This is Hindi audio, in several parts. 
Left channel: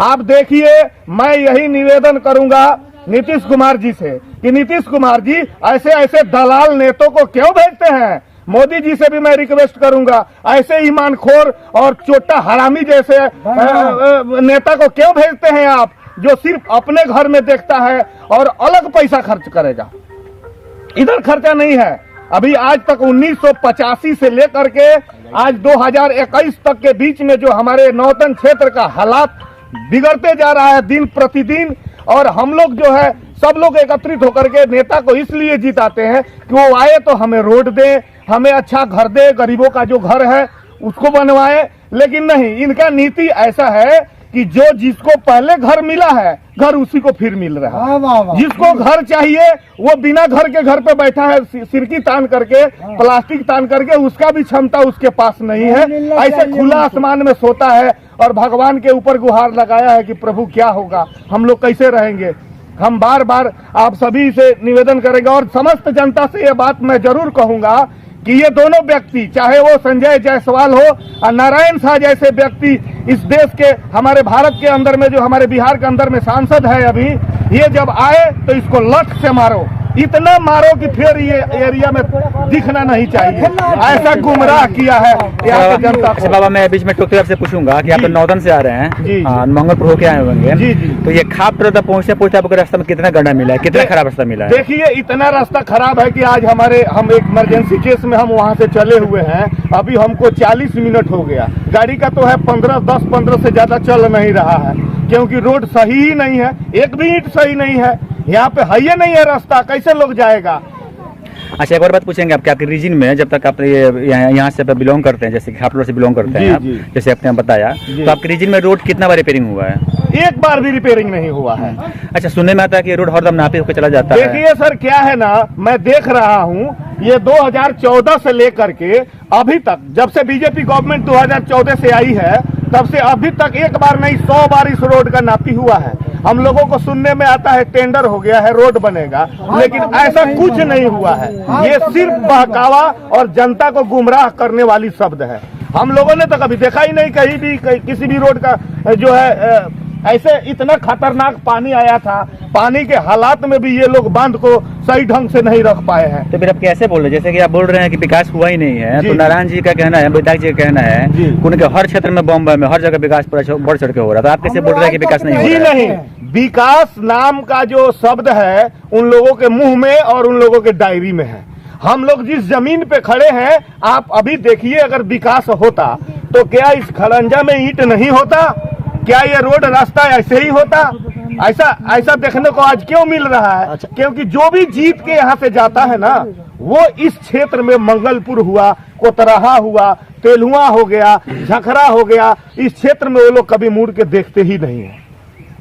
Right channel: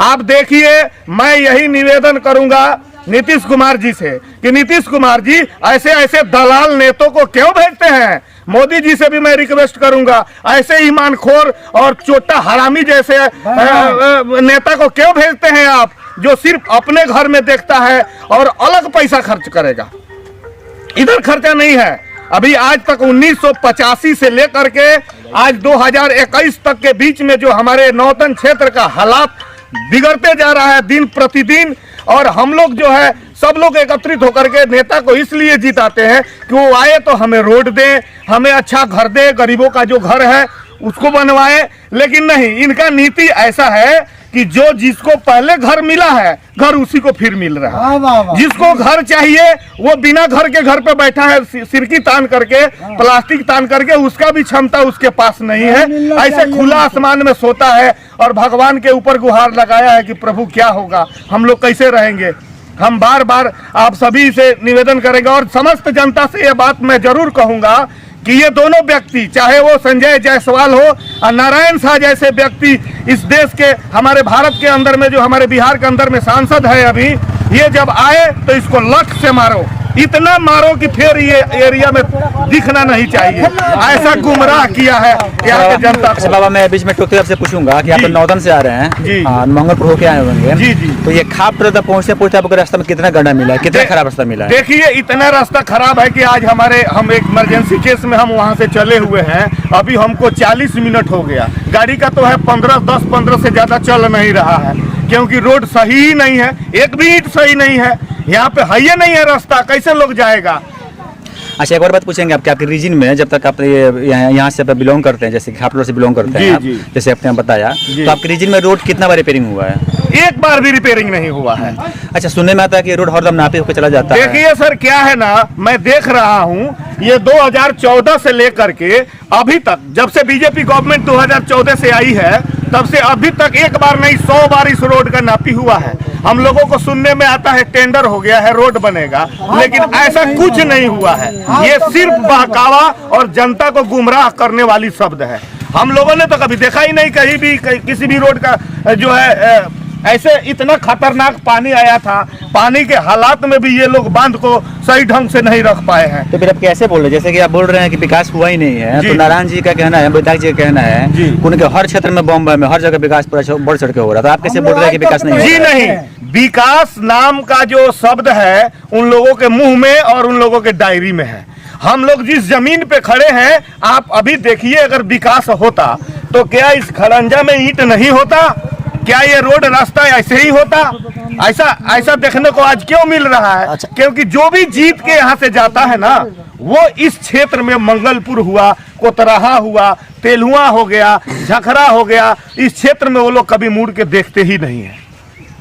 आप देखिए, मैं यही निवेदन करूंगा नीतीश कुमार जी से कि नीतीश कुमार जी ऐसे ऐसे दलाल नेताओं को क्यों भेजते हैं। मोदी जी से भी मैं रिक्वेस्ट करूंगा, ऐसे ईमानखोर और चोटा हरामी जैसे नेता को क्यों भेजते हैं आप, जो सिर्फ अपने घर में देखता है और अलग पैसा खर्च करेगा। इधर खर्चा नहीं है। अभी आज तक 1985 से लेकर के आज 2021 तक के बीच में जो हमारे नौतन क्षेत्र का हालात बिगड़ते जा रहा है दिन प्रतिदिन, और हम लोग जो है सब लोग एकत्रित होकर के नेता को इसलिए जिताते हैं कि वो आए तो हमें रोड दे, हमें अच्छा घर दे, गरीबों का जो घर है उसको बनवाए। लेकिन नहीं, इनका नीति ऐसा है कि जो जिसको पहले घर मिला है घर उसी को फिर मिल रहा है। जिसको घर चाहिए वो बिना घर के घर पे बैठा है, सिरकी तान करके, प्लास्टिक तान करके, उसका भी क्षमता उसके पास नहीं है। ऐसे खुला आसमान में सोता है और भगवान के ऊपर गुहार लगाया है कि प्रभु क्या होगा, हम लोग कैसे रहेंगे। हम बार बार आप सभी से निवेदन करेंगे और समस्त जनता से ये बात मैं जरूर कहूंगा कि ये दोनों व्यक्ति, चाहे वो संजय जायसवाल हो और नारायण शाह जैसे व्यक्ति इस देश के, हमारे भारत के अंदर में, जो हमारे बिहार के अंदर में सांसद है अभी, ये जब आए तो इसको लठ से मारो, इतना मारो कि फिर ये एरिया में दिखना नहीं चाहिए। ऐसा गुमराह किया है यहाँ की जनता को। अच्छा बाबा, मैं बीच में टोकते आपसे पूछूंगा कि आप नौतन से आ रहे हैं, मंगलपुर होके आए होंगे जी जी, तो ये खाप तक पहुँचते आपको रास्ते में कितना गड्ढा मिला है, कितना खराब रास्ता मिला है? देखिए, इतना रास्ता खराब है कि आज हम एक इमरजेंसी केस में हम वहाँ से चले हुए हैं, अभी हमको 40 मिनट हो गया। गाड़ी का तो है 10-15 से ज्यादा चल नहीं रहा है, क्योंकि रोड सही ही नहीं है, एक भी ईंट सही नहीं है, यहाँ पे है ही नहीं है रास्ता, कैसे लोग जाएगा। अच्छा, एक और बात पूछेंगे आपके रीजन में, जब तक आप यहाँ से बिलोंग करते हैं, जैसे खापलोर से बिलोंग करते हैं आप, जैसे आपने बताया, तो आपके रीजन में रोड कितना बार रिपेयरिंग हुआ है? एक बार भी रिपेयरिंग नहीं हुआ है। अच्छा, सुनने में आता है कि रोड हरदम नापे होकर चला जाता है। देखिए सर, क्या है ना, मैं देख रहा हूँ ये 2014 से लेकर के अभी तक, जब से बीजेपी गवर्नमेंट 2014 से आई है तब से अभी तक एक बार नहीं 100 बार इस रोड का नापी हुआ है। हम लोगों को सुनने में आता है टेंडर हो गया है, रोड बनेगा, लेकिन ऐसा कुछ नहीं हुआ है। ये सिर्फ बहकावा और जनता को गुमराह करने वाली शब्द है। हम लोगों ने तो कभी देखा ही नहीं कहीं भी किसी भी रोड का जो है ऐसे इतना खतरनाक पानी आया था, पानी के हालात में भी ये लोग बांध को सही ढंग से नहीं रख पाए हैं। तो फिर आप कैसे बोल रहे हैं, जैसे कि आप बोल रहे हैं कि विकास हुआ ही नहीं है, तो नारायण जी का कहना है, विधायक जी का कहना है उनके हर क्षेत्र में, बॉम्बे में हर जगह विकास पूरा बढ़ चढ़ के हो रहा था, आप कैसे बोल रहे हैं कि विकास नहीं हो रहा है? जी नहीं, विकास नाम का जो शब्द है उन लोगों के मुंह में और उन लोगों के डायरी में है। हम लोग जिस जमीन पे खड़े हैं, आप अभी देखिए, अगर विकास होता तो क्या इस खड़ंजा में ईंट नहीं होता? क्या ये रोड रास्ता ऐसे ही होता? ऐसा देखने को आज क्यों मिल रहा है? क्योंकि जो भी जीत के यहाँ से जाता है ना, वो इस क्षेत्र में मंगलपुर हुआ, कोतराहा हुआ, तेलुआ हो गया, झखरा हो गया, इस क्षेत्र में वो लोग कभी मुड़ के देखते ही नहीं है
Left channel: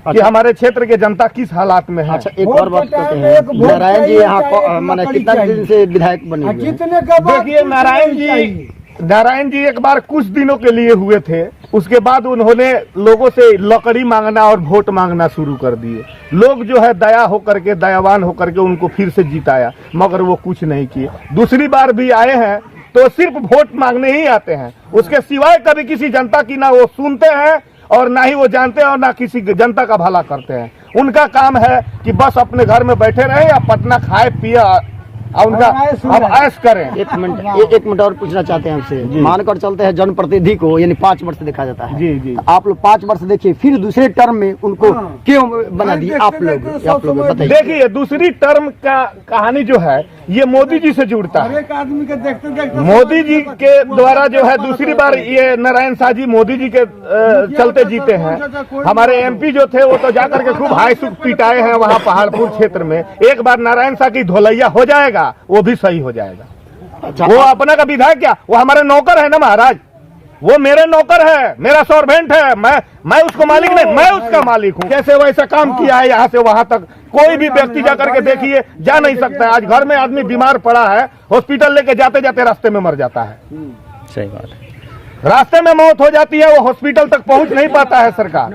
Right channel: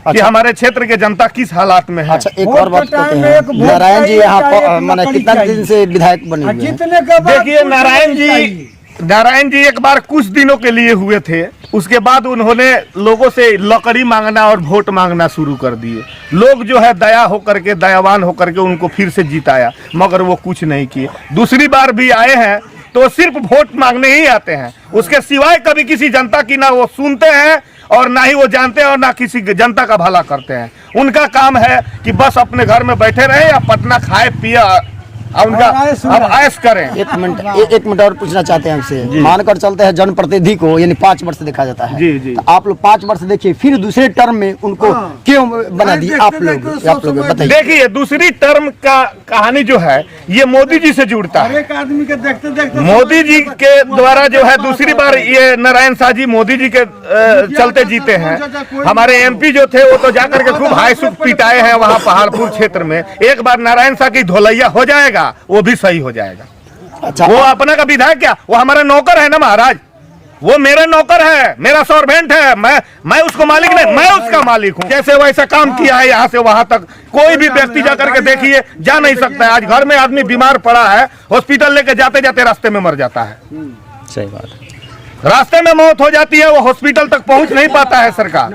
कि हमारे क्षेत्र के जनता किस हालात में है। अच्छा, एक और बात नारायण जी यहाँ माने कितना दिन से विधायक बने? देखिए, नारायण जी एक बार कुछ दिनों के लिए हुए थे, उसके बाद उन्होंने लोगों से लकड़ी मांगना और वोट मांगना शुरू कर दिए। लोग जो है दया होकर के, दयावान होकर के उनको फिर से जिताया, मगर वो कुछ नहीं किए। दूसरी बार भी आए हैं तो सिर्फ वोट मांगने ही आते हैं, उसके सिवाय कभी किसी जनता की ना वो सुनते हैं और ना ही वो जानते हैं और ना किसी जनता का भला करते हैं। उनका काम है कि बस अपने घर में बैठे रहे या पटना खाए पिए उनका अब ऐश करें। एक मिनट और पूछना चाहते हैं हमसे, मानकर चलते हैं जनप्रतिनिधि को यानी 5 वर्ष देखा जाता है, जी जी, तो आप लोग 5 वर्ष देखिए, फिर दूसरे टर्म में उनको क्यों बना दिए आप लोग बताइए। देखिए, दूसरी टर्म का कहानी जो है ये मोदी जी से जुड़ता है। आदमी के देखते मोदी जी के द्वारा जो है दूसरी बार ये नारायण शाह जी मोदी जी के चलते जीते हैं। हमारे MP जो थे वो तो जाकर के खूब हाई सुख पिटाए हैं वहाँ पहाड़पुर क्षेत्र में। एक बार नारायण शाह की धोलैया हो जाएगा, वो भी सही हो जाएगा। अच्छा, वो अपना का विधायक क्या, वो हमारे नौकर है ना महाराज, वो मेरे नौकर है, मेरा सर्वेंट है, मैं उसको मालिक नहीं, मैं उसका मालिक हूँ। जैसे वैसा काम किया है यहाँ से वहां तक, कोई भी व्यक्ति जाकर के देखिए जा नहीं सकता है। आज घर में आदमी बीमार पड़ा है, हॉस्पिटल लेके जाते जाते रास्ते में मर जाता है। सही बात है, रास्ते में मौत हो जाती है, वो हॉस्पिटल तक पहुंच नहीं पाता है सरकार।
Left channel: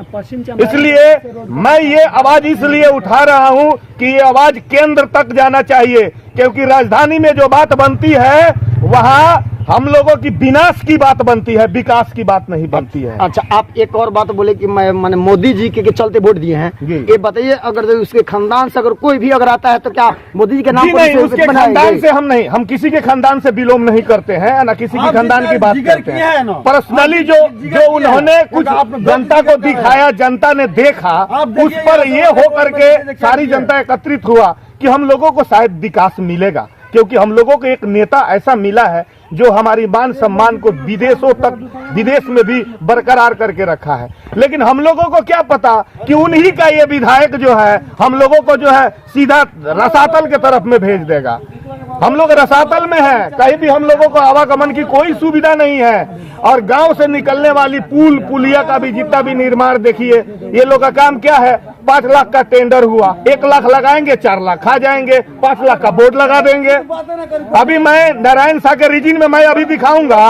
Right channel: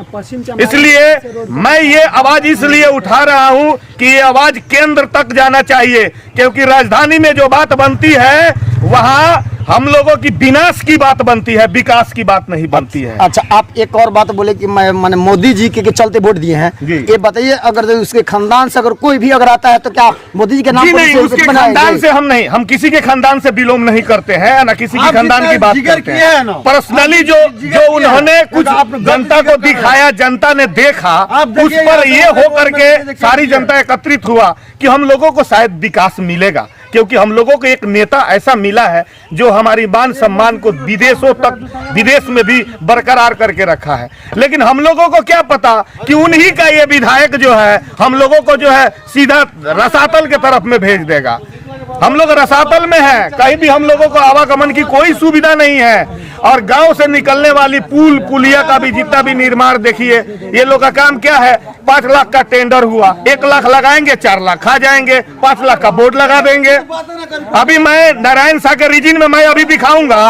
इसलिए मैं ये आवाज इसलिए उठा रहा हूं कि ये आवाज केंद्र तक जाना चाहिए, क्योंकि राजधानी में जो बात बनती है वहां हम लोगों की विनाश की बात बनती है, विकास की बात नहीं बनती है। अच्छा, आप एक और बात बोले कि मैंने मोदी जी के चलते वोट दिए हैं, जी। ये बताइए अगर उसके खानदान से अगर कोई भी अगर आता है तो क्या मोदी जी के नाम जी पर नहीं, उसे उसके बनाएंगे? खानदान से हम नहीं, हम किसी के खानदान से बिलोंग नहीं करते हैं, ना किसी के खानदान की बात करते हैं। पर्सनली जो उन्होंने कुछ जनता को दिखाया, जनता ने देखा, उस पर ये हो करके सारी जनता एकत्रित हुआ कि हम लोगों को शायद विकास मिलेगा, क्योंकि हम लोगों को एक नेता ऐसा मिला है जो हमारी मान सम्मान को विदेशों तक, विदेश में भी बरकरार करके रखा है। लेकिन हम लोगों को क्या पता कि उन्हीं का ये विधायक जो है हम लोगों को जो है सीधा रसातल के तरफ में भेज देगा। हम लोग रसातल में हैं, कहीं भी हम लोगों को आवागमन की कोई सुविधा नहीं है। और गांव से निकलने वाली पुल पुलिया का भी जितना भी निर्माण देखिए, ये लोग का काम क्या है, 5 लाख का टेंडर हुआ, 1 लाख लगाएंगे, 4 लाख खा जाएंगे, 5 लाख का बोर्ड लगा देंगे। अभी मैं नारायण शाह के रीजन में मैं अभी दिखाऊंगा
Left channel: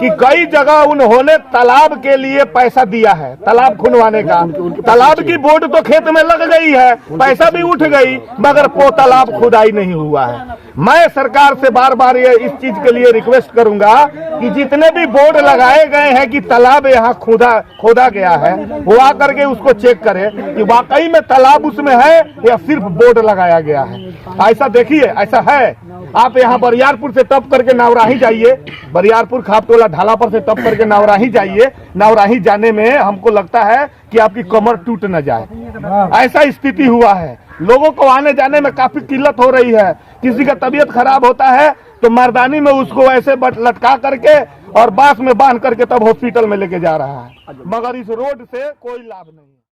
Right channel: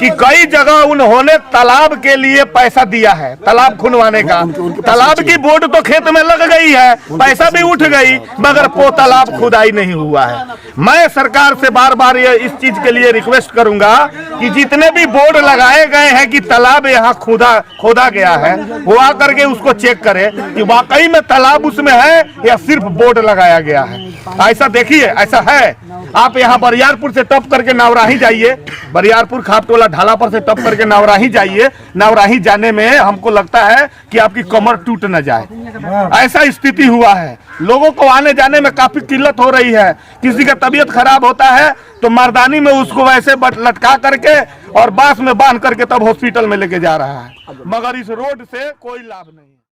कि कई जगह उन्होंने तालाब के लिए पैसा दिया है, तालाब खुनवाने का। तालाब की बोर्ड तो खेत में लग गई है, पैसा भी उठ गई, मगर वो तालाब खुदाई नहीं हुआ है। मैं सरकार से बार बार ये इस चीज के लिए रिक्वेस्ट करूंगा कि जितने भी बोर्ड लगाए गए हैं कि तालाब यहाँ खोदा गया है, वो आकर के उसको चेक करे कि वाकई में तालाब उसमें है या सिर्फ बोर्ड लगाया गया है। ऐसा देखिए, ऐसा है। आप यहाँ बरियारपुर से टप करके नवराही जाइए, बरियारपुर खापटोला ढाला पर से टप करके नवराही जाइए। नवराही जाने में हमको लगता है कि आपकी कमर टूट न जाए, ऐसा स्थिति हुआ है। लोगों को आने जाने में काफी किल्लत हो रही है। किसी का तबीयत खराब होता है तो मर्दानी में उसको ऐसे लटका करके और बांस में बांध करके तब हॉस्पिटल में लेके जा रहा है, मगर इस रोड से कोई लाभ नहीं।